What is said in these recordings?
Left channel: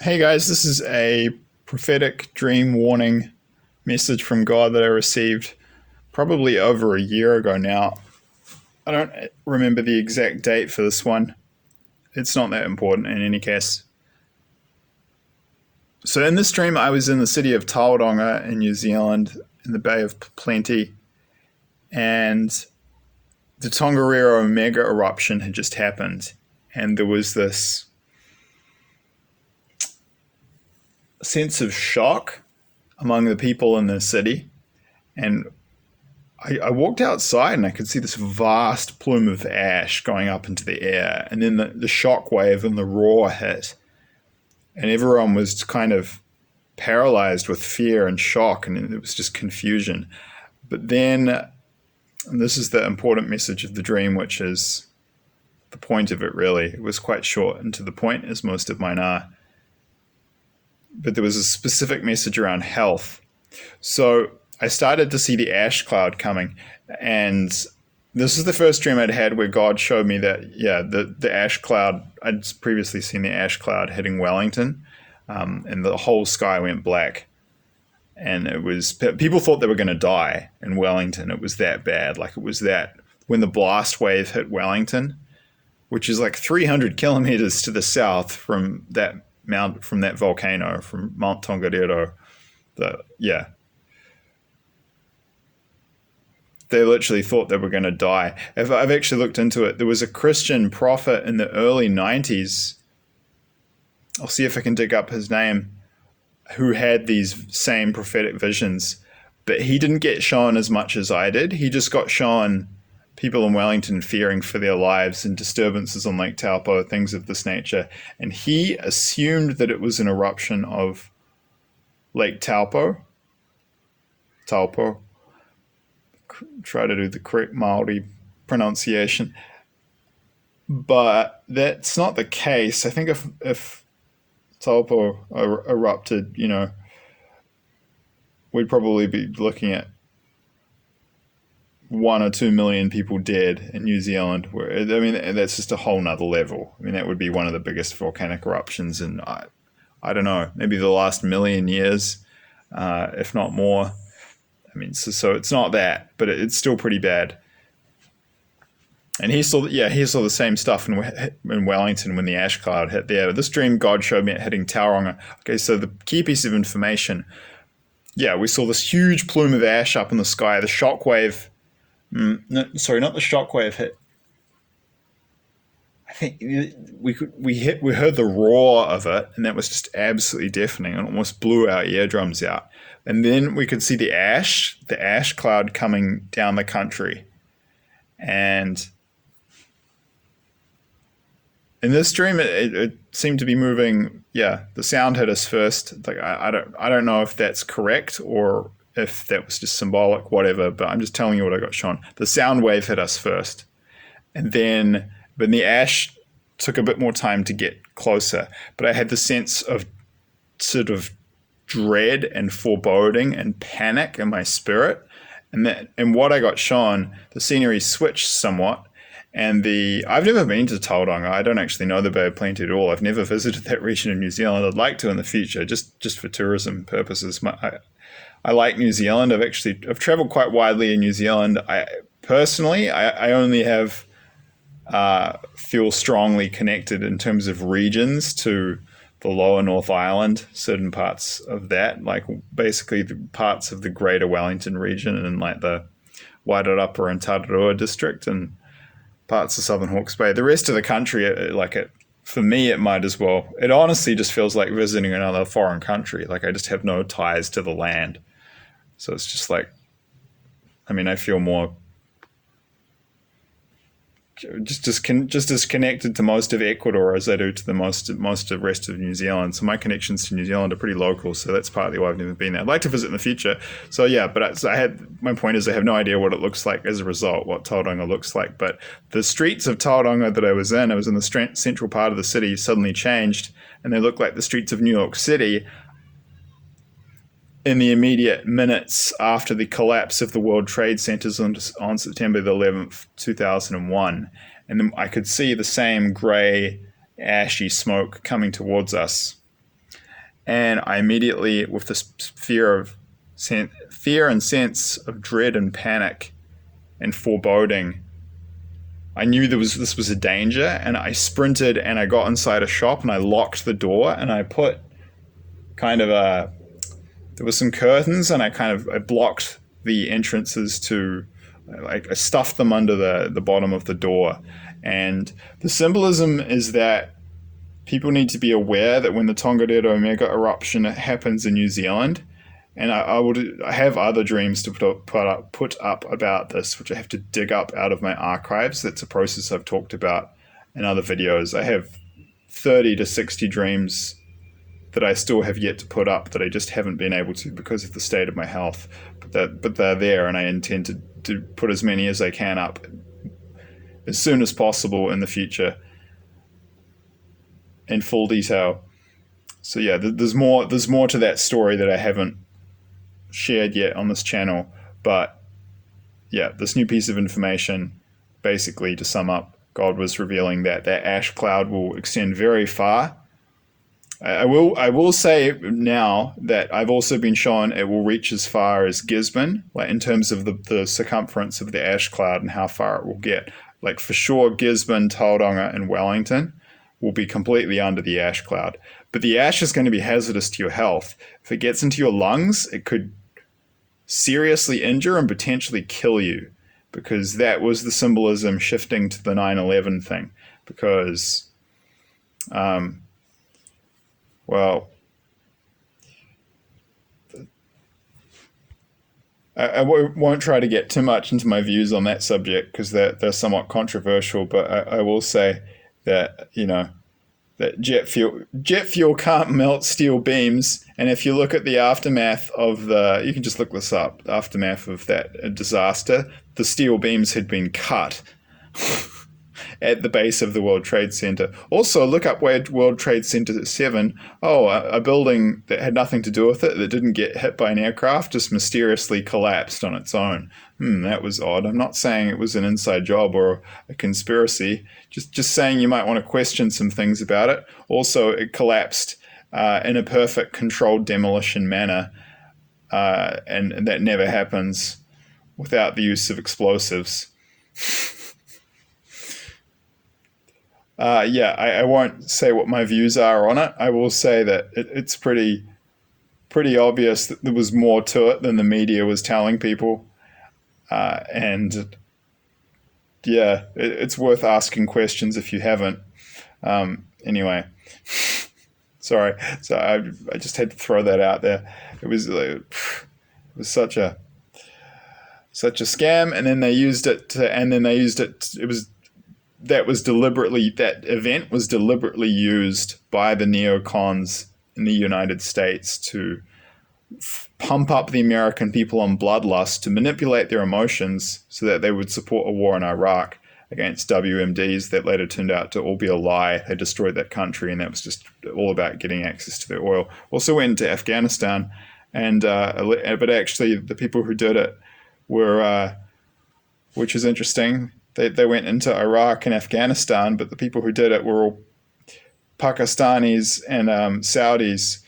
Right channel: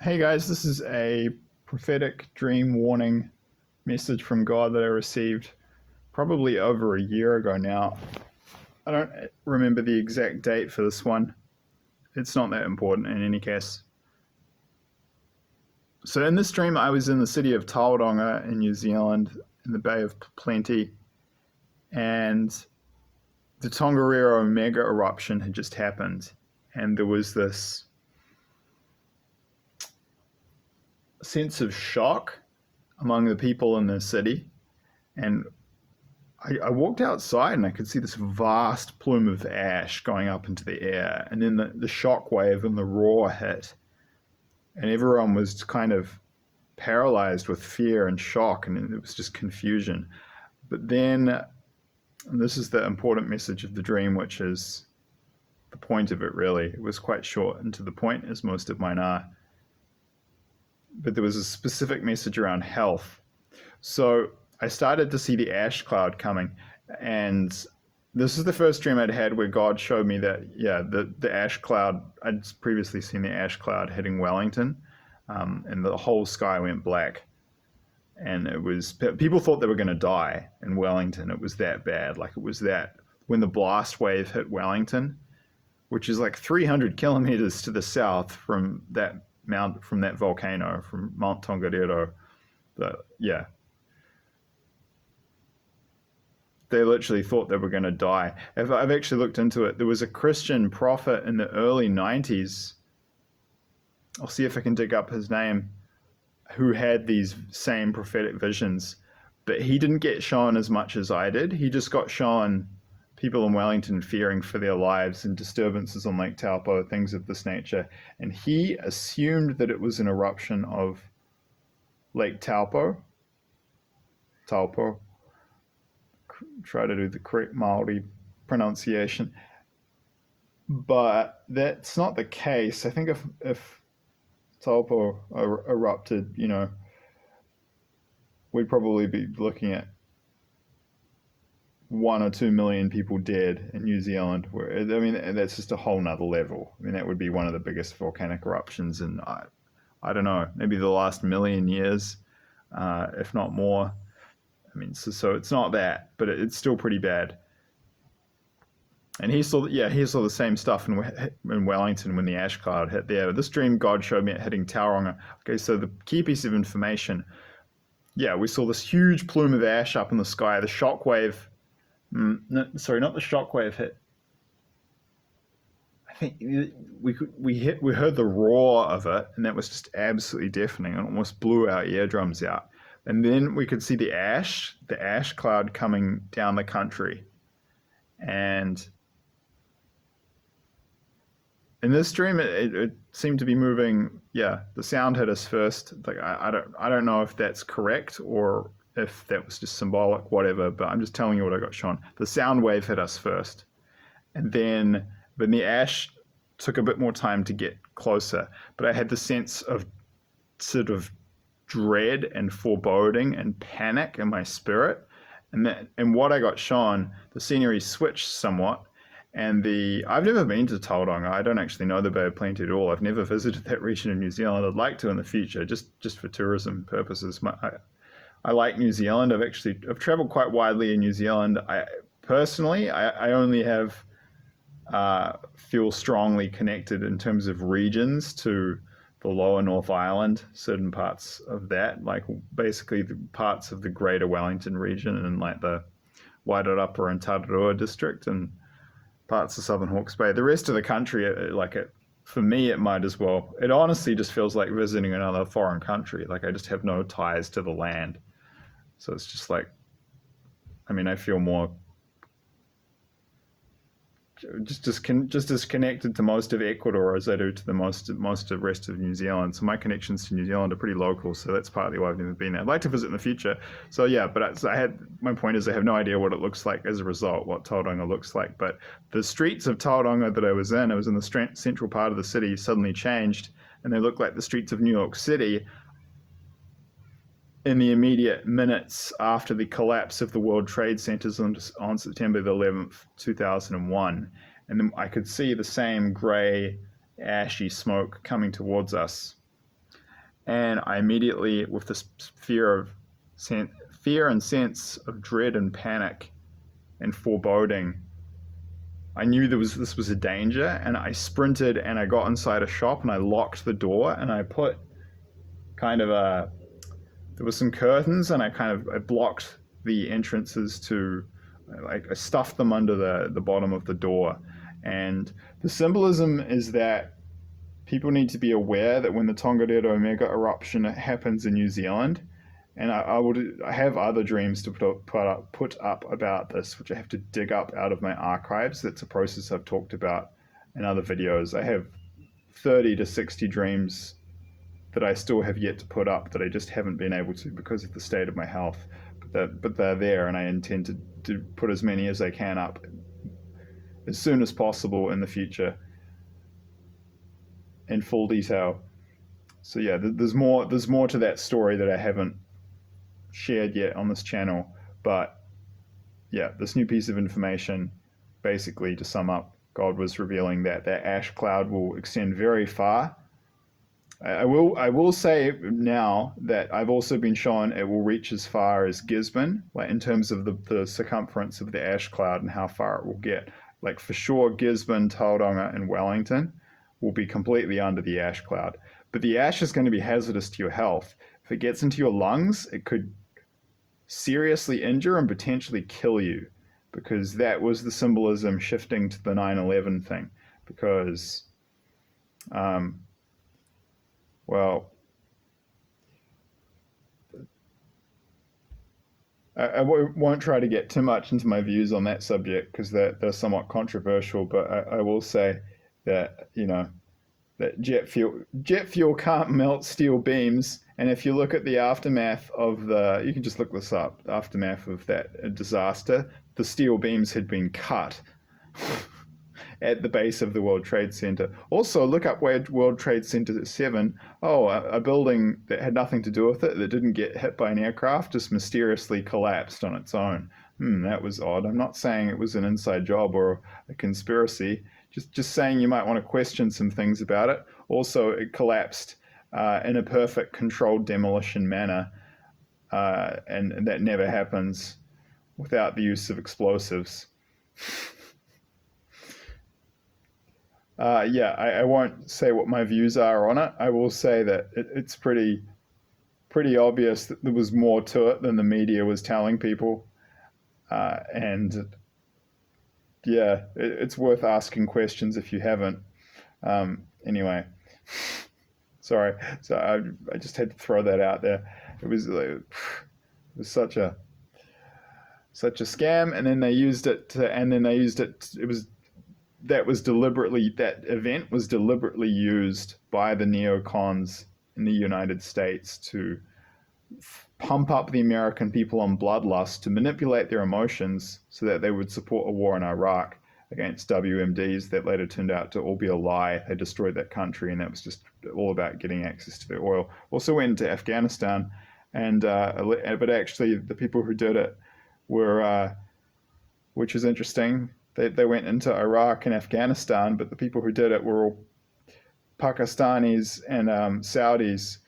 Hey guys, this is a prophetic dream warning message from God that I received probably over a year ago now. I don't remember the exact date for this one. It's not that important in any case. So in this dream, I was in the city of Tauranga in New Zealand in the Bay of Plenty, and the Tongariro mega-eruption had just happened, and there was this sense of shock among the people in the city. And I walked outside and I could see this vast plume of ash going up into the air. And then the shock wave and the roar hit. And everyone was kind of paralyzed with fear and shock. And it was just confusion. But then, and this is the important message of the dream, which is the point of it really. It was quite short and to the point, as most of mine are. But there was a specific message around health. So I started to see the ash cloud coming, and this is the first dream I'd had where God showed me that, the ash cloud, I'd previously seen the ash cloud hitting Wellington, and the whole sky went black. And it was, people thought they were going to die in Wellington. It was that bad. Like, it was that, when the blast wave hit Wellington, which is like 300 kilometers to the south from that volcano, from Mount Tongariro. They literally thought they were going to die. If I've actually looked into it, there was a Christian prophet in the early 90s. I'll see if I can dig up his name, who had these same prophetic visions, but he didn't get shown as much as I did. He just got shown people in Wellington fearing for their lives and disturbances on Lake Taupo, things of this nature. And he assumed that it was an eruption of Lake Taupo. Try to do the correct Maori pronunciation. But that's not the case. I think if Taupo erupted, we'd probably be looking at 1 or 2 million people dead in New Zealand. That's just a whole nother level. That would be one of the biggest volcanic eruptions in, I don't know, maybe the last million years, if not more. So it's not that, but it's still pretty bad. And he saw the same stuff in Wellington when the ash cloud hit there. But this dream God showed me it hitting Tauranga. Okay, so the key piece of information, we saw this huge plume of ash up in the sky. The shock wave, not the shock wave hit. I think we heard the roar of it, and that was just absolutely deafening. It almost blew our eardrums out. And then we could see the ash cloud coming down the country. And in this dream, it seemed to be moving. Yeah, the sound hit us first. Like I don't know if that's correct or if that was just symbolic, whatever. But I'm just telling you what I got shown. The sound wave hit us first, and then the ash took a bit more time to get closer. But I had the sense of sort of dread and foreboding and panic in my spirit, and what I got shown, the scenery switched somewhat. And I've never been to Tauranga. I don't actually know the Bay of Plenty at all. I've never visited that region of New Zealand. I'd like to in the future, just for tourism purposes. I like New Zealand. I've traveled quite widely in New Zealand. I only have feel strongly connected in terms of regions to the lower North Island, certain parts of that, like basically the parts of the greater Wellington region and like the Wairarapa and Tararua district and parts of Southern Hawke's Bay. The rest of the country, for me, it might as well. It honestly just feels like visiting another foreign country. Like I just have no ties to the land. So it's just like, I feel more just as connected to most of Ecuador as I do to the most of the rest of New Zealand. So my connections to New Zealand are pretty local. So that's partly why I've never been there. I'd like to visit in the future. So my point is I have no idea what it looks like as a result, what Tauranga looks like. But the streets of Tauranga that I was in the central part of the city, suddenly changed, and they look like the streets of New York City in the immediate minutes after the collapse of the World Trade Centers on September the 11th, 2001. And then I could see the same grey, ashy smoke coming towards us. And I immediately, with this fear and sense of dread and panic and foreboding, I knew this was a danger, and I sprinted and I got inside a shop and I locked the door and I put kind of there was some curtains and I blocked the entrances to, like, I stuffed them under the bottom of the door. And the symbolism is that people need to be aware that when the Tongariro mega eruption happens in New Zealand, and I have other dreams to put up about this, which I have to dig up out of my archives. That's a process I've talked about in other videos. I have 30 to 60 dreams that I still have yet to put up that I just haven't been able to because of the state of my health. But they're there, and I intend to put as many as I can up as soon as possible in the future in full detail. So yeah, there's more to that story that I haven't shared yet on this channel. But yeah, this new piece of information, basically to sum up, God was revealing that ash cloud will extend very far. I will say now that I've also been shown it will reach as far as Gisborne, like in terms of the circumference of the ash cloud and how far it will get. Like for sure, Gisborne, Tauranga, and Wellington will be completely under the ash cloud. But the ash is going to be hazardous to your health. If it gets into your lungs, it could seriously injure and potentially kill you, because that was the symbolism shifting to the 9/11 thing. Because, well, I won't try to get too much into my views on that subject because they're somewhat controversial, but I will say that, that jet fuel can't melt steel beams. And if you look at the aftermath of you can just look this up, the aftermath of that disaster, the steel beams had been cut at the base of the World Trade Center. Also, look up where World Trade Center 7, a building that had nothing to do with it, that didn't get hit by an aircraft, just mysteriously collapsed on its own. That was odd. I'm not saying it was an inside job or a conspiracy, just saying you might want to question some things about it. Also, it collapsed in a perfect controlled demolition manner, and that never happens without the use of explosives. I won't say what my views are on it. I will say that it's pretty obvious that there was more to it than the media was telling people. And yeah, it's worth asking questions if you haven't. Anyway, sorry. So I just had to throw that out there. It was such a scam, and then they used it that event was deliberately used by the neocons in the United States to pump up the American people on bloodlust, to manipulate their emotions so that they would support a war in Iraq against WMDs that later turned out to all be a lie. They destroyed that country, and that was just all about getting access to their oil. Also went into Afghanistan, and but actually the people who did it were, which is interesting, they went into Iraq and Afghanistan, but the people who did it were all Pakistanis and Saudis.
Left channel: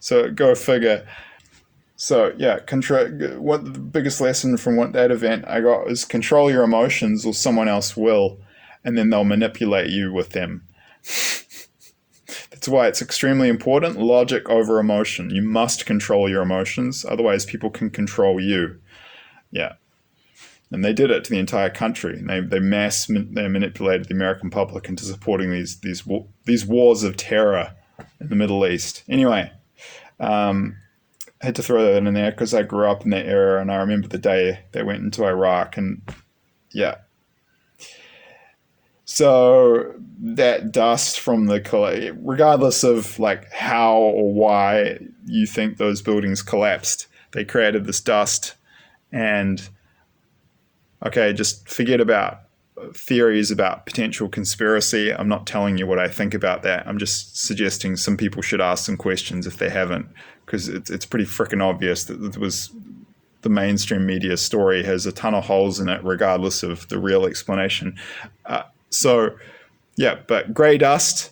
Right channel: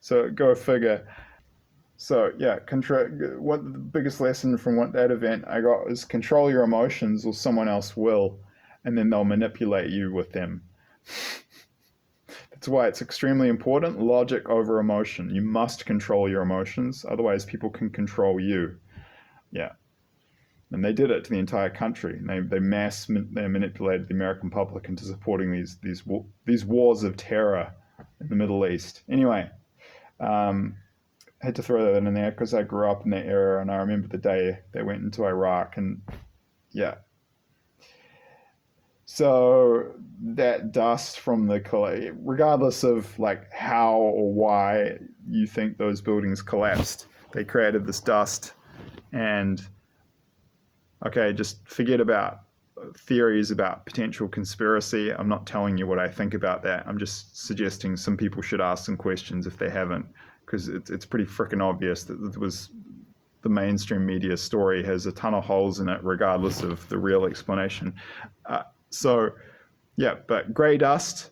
So go figure. So yeah, what the biggest lesson from that event I got is control your emotions, or someone else will, and then they'll manipulate you with them. That's why it's extremely important, logic over emotion. You must control your emotions, otherwise people can control you. Yeah. And they did it to the entire country. They manipulated the American public into supporting these wars of terror in the Middle East. Anyway, I had to throw that in there because I grew up in that era, and I remember the day they went into Iraq, and yeah. So that dust from regardless of like how or why you think those buildings collapsed, they created this dust. And okay, just forget about theories about potential conspiracy. I'm not telling you what I think about that. I'm just suggesting some people should ask some questions if they haven't, because it's pretty freaking obvious that the mainstream media story has a ton of holes in it, regardless of the real explanation. So, yeah, but grey dust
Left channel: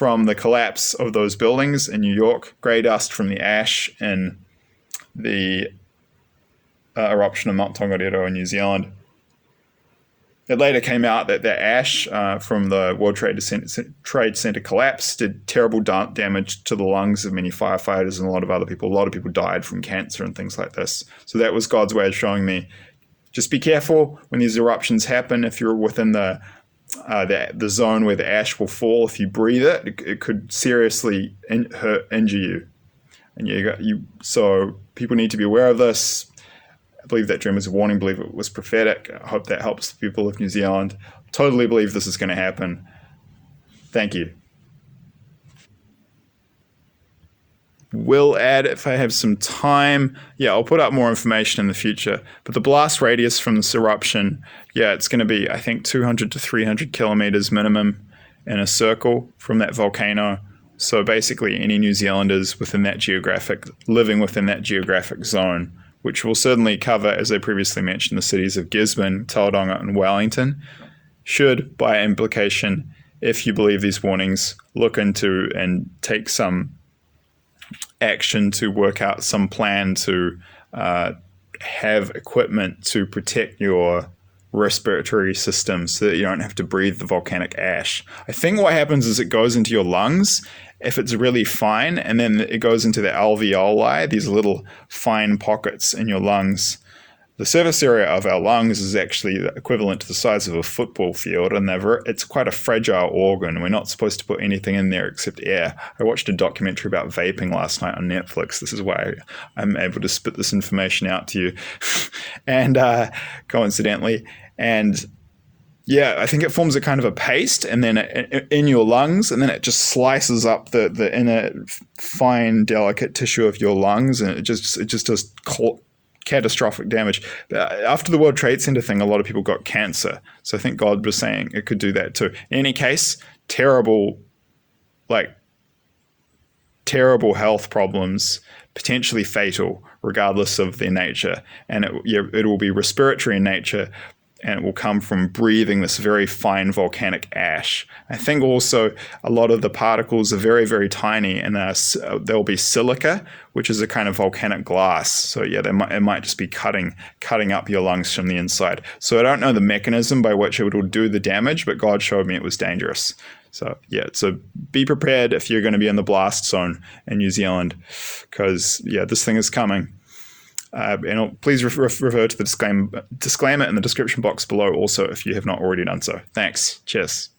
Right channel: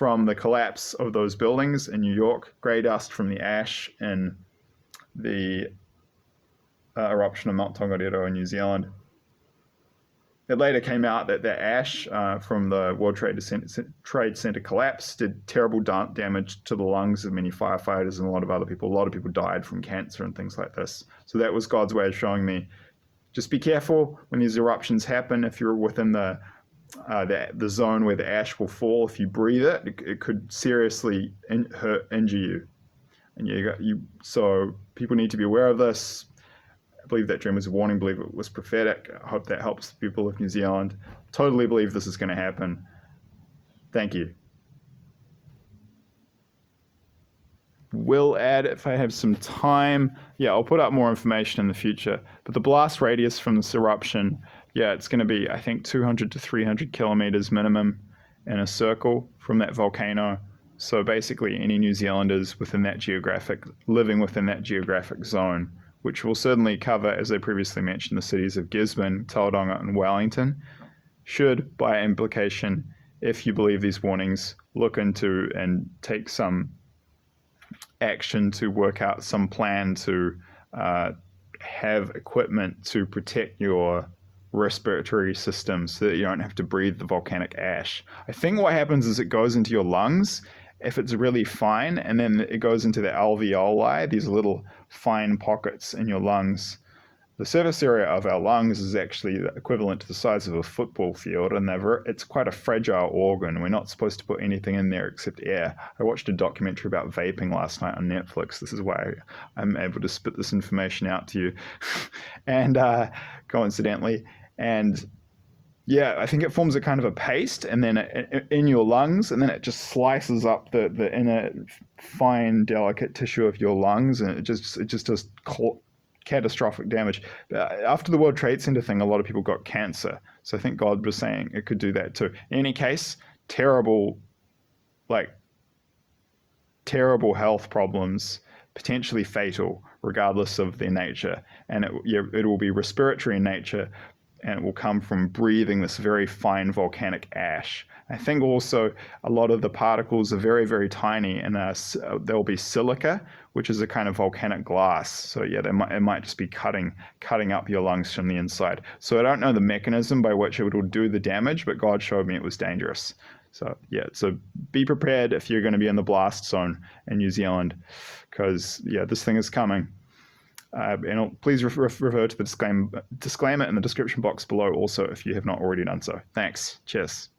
from the collapse of those buildings in New York, grey dust from the ash in the eruption of Mount Tongariro in New Zealand. It later came out that the ash from the World Trade Center collapse did terrible damage to the lungs of many firefighters and a lot of other people. A lot of people died from cancer and things like this. So that was God's way of showing me, just be careful when these eruptions happen. If you're within the zone where the ash will fall, if you breathe it could seriously injure you. And so people need to be aware of this. I believe that dream was a warning. I believe it was prophetic. I hope that helps the people of New Zealand. Totally believe this is going to happen. Thank you. Will add if I have some time. Yeah, I'll put up more information in the future. But the blast radius from this eruption, yeah, it's going to be, I think, 200 to 300 kilometers minimum in a circle from that volcano. So basically, any New Zealanders living within that geographic zone, which will certainly cover, as I previously mentioned, the cities of Gisborne, Tauranga, and Wellington, should, by implication, if you believe these warnings, look into and take some action to work out some plan to have equipment to protect your respiratory system so that you don't have to breathe the volcanic ash. I think what happens is it goes into your lungs if it's really fine, and then it goes into the alveoli, these little fine pockets in your lungs. The surface area of our lungs is actually equivalent to the size of a football field, and it's quite a fragile organ. We're not supposed to put anything in there except air. I watched a documentary about vaping last night on Netflix. This is why I'm able to spit this information out to you, and coincidentally, and yeah, I think it forms a kind of a paste, and then in your lungs, and then it just slices up the inner fine, delicate tissue of your lungs, and it just does catastrophic damage. After the World Trade Center thing, a lot of people got cancer. So I think God was saying it could do that too. In any case, terrible health problems, potentially fatal, regardless of their nature. And it will be respiratory in nature, and it will come from breathing this very fine volcanic ash. I think also a lot of the particles are very, very tiny, and there'll be silica, which is a kind of volcanic glass. So yeah, it might just be cutting up your lungs from the inside. So I don't know the mechanism by which it will do the damage, but God showed me it was dangerous. So yeah, so be prepared if you're going to be in the blast zone in New Zealand, because yeah, this thing is coming. And please refer to the disclaimer in the description box below also if you have not already done so. Thanks. Cheers.